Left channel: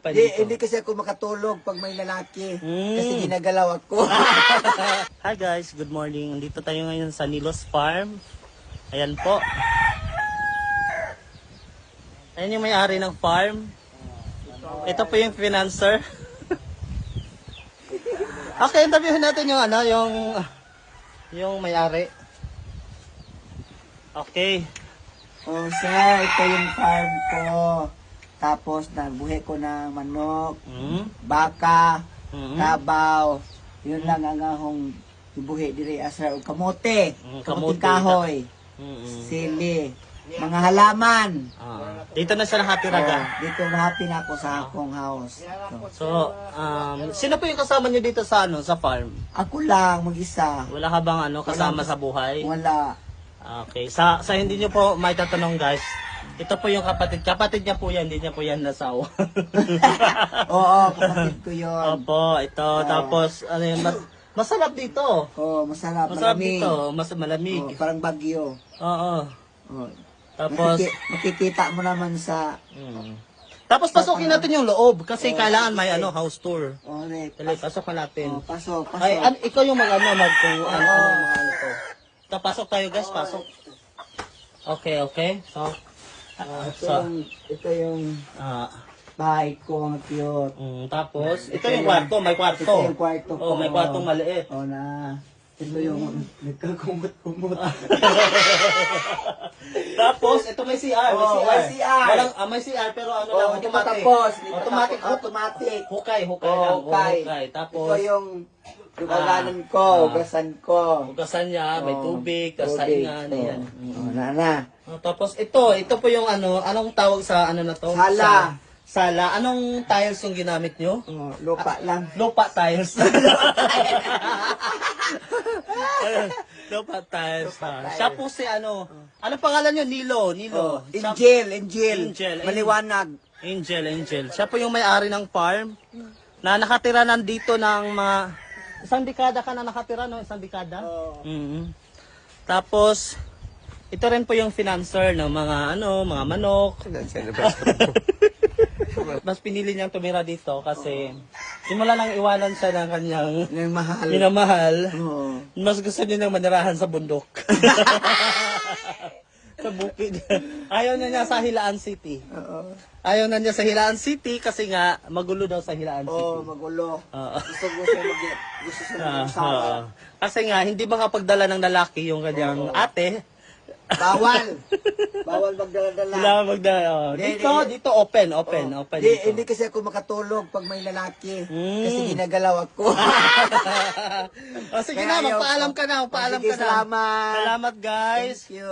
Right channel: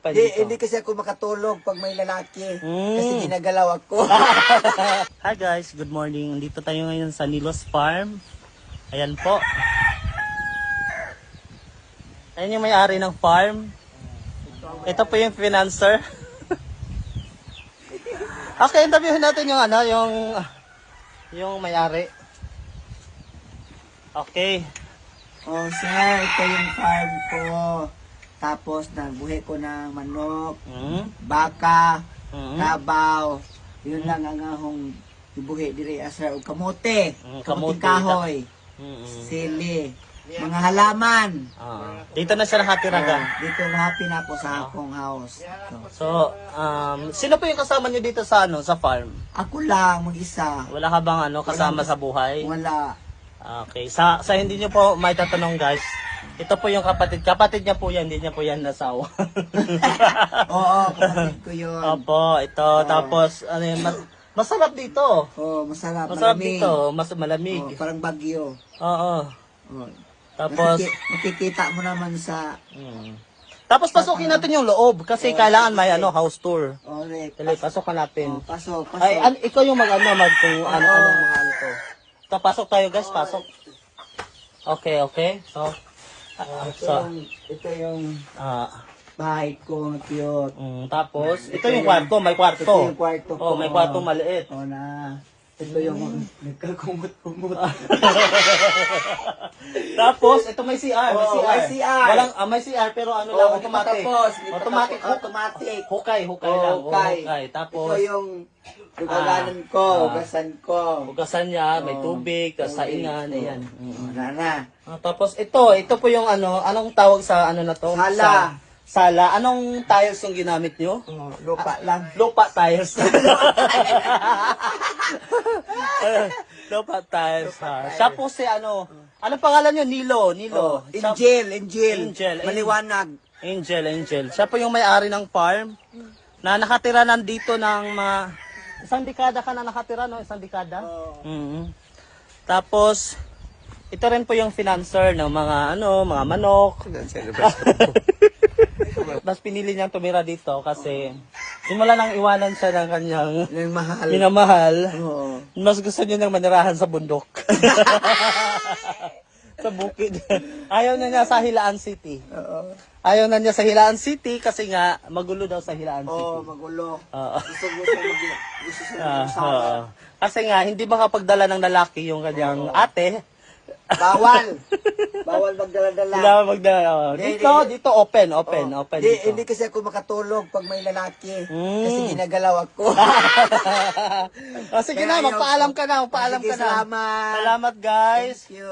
Hindi kasi ako makatulog pag may lalaki. Kasi ginagalaw ako. Hi guys, good morning. Dito tayo ngayon sa Nilos Farm. Ayan po. Ayan yung may-ari ng farm. Ito po yung financer. Okay, interviewin natin yung yung may-ari. Okay. Oh, sir, ito yung farm ko. Tapos, nagbuhi ko ng manok, baka, tabaw. Yun lang ang ahong ibuhi diri sir. O kamote, kamote kahoy, sili, mga halaman. Dito na siya nakatiraga. Dito happy na ako sa akong house. So, sino po yung kasama niyo dito sa sa farm? Ako lang, mag-isa. Wala ka bang kasama sa buhay? Wala. Okay, sa hindi niyo po may tatanong guys. Ito po yung kapatid niya po yan, hindi niya po yan nasawa. Oo, kapatid ko yun. Opo, ito. Tapos, masarap dito. Oo, masarap. Masarap malamig. dito, malamig. Parang bagyo. Oo. Oo. Tapos, makikita mo naman sa... Tapos pasukin natin yung loob kasi kailangan may house tour. Correct. Pasok ka natin. Pasok. Ikaw yung kung ano ito. Pasok tayo guys, pasok. Okay. Ito yung bahay ko, cute. Tapos, ito yung kwarto, may kwarto. Ito yung kwarto ko. May kwarto maliit. Ito yung nagkakumot-kumot. Tapos, ito may CR. May CR. May CR, pero Hindi matapos. Automatic. Hukay. Tapos, ito yung luganan ko, ugasan ko. Hugasan niya, may tubig, kasaingan, ayan. Tapos ito po yung anong tawag sa na to? Sala. Anong tiles yung ginamit nyo? Lupa lang. Lupa tiles. Lupa tiles. Siya po si anong pangalan nyo? Nilo. Angel. Maliwanag. Angel. Siya po yung may-ari ng farm na nakatira nandito ng mga isang dekada ka na nakatira, no? Isang dekada? Tapos, ito rin po yung financer ng mga mga manok. Mas pinili niyang tumira dito kasi simula nang iwanan siya ng kanyang Yung mahal. yung mahal. Oo. Mas gusto niya nang manirahan sa bundok. Sa bukid. Ayaw na niya sa Hilaan City. Oo. Ayaw na niya sa Hilaan City kasi nga magulo daw sa Hilaan City. Oo, magulo. Oo. Gusto siya mag-usara. Kasi nga, hindi makapagdala ng lalaki yung kanyang ate. Bawal magdala-dala. Kailangan magdala. Dito open. Hindi kasi ako makatulog pag may lalaki. Kasi ginagalaw ako. Sige na, magpaalam ka na. Salamat. Salamat guys. Thank you.